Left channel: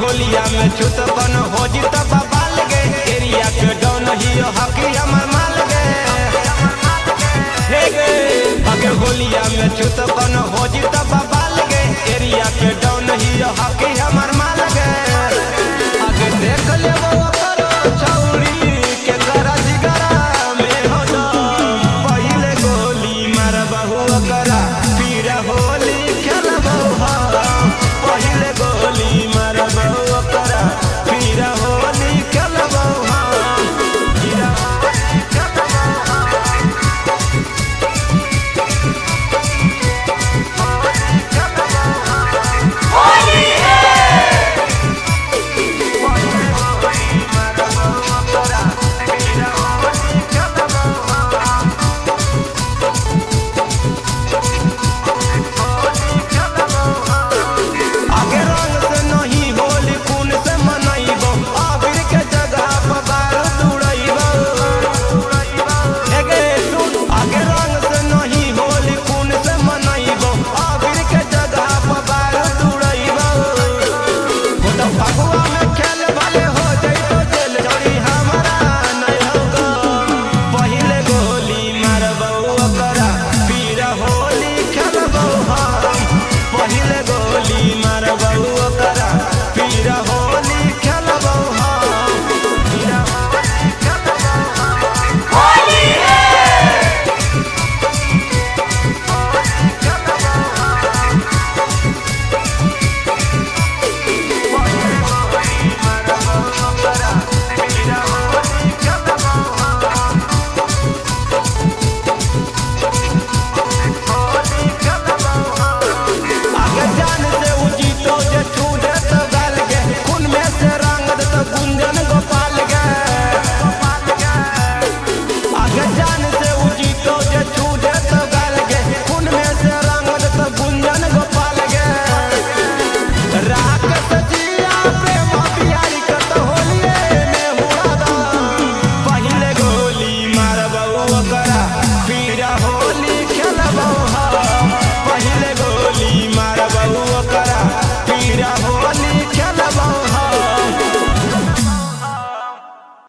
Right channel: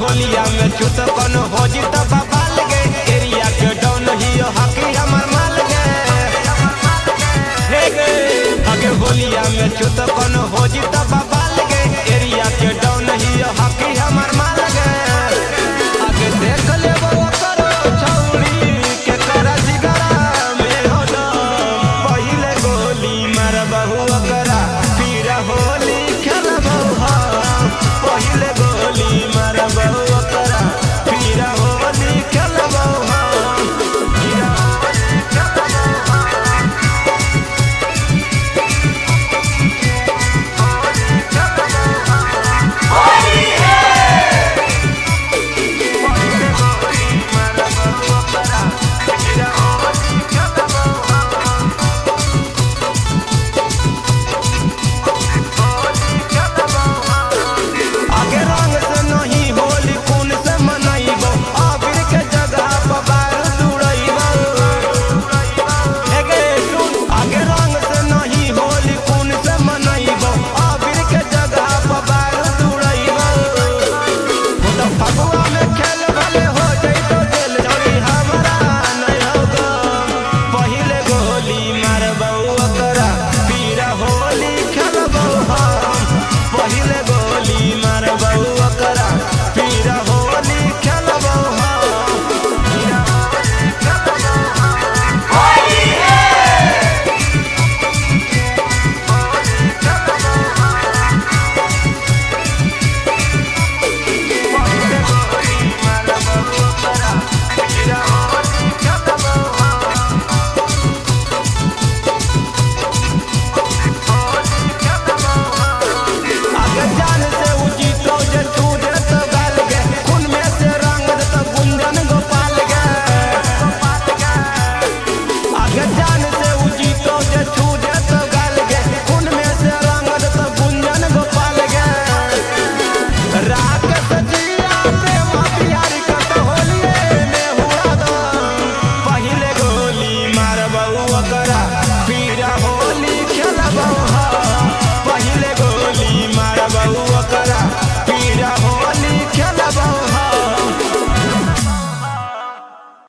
होलिया में छूत कौन हो जी तो बबाल गे एरिया के डॉन ही हकी हमर माल गे अगे होलिया में छूत कौन हो जी तो बबाल गे एरिया के डॉन ही हकी हमर माल गे आगे देख ले वो करो छौड़ी के करा जिगरा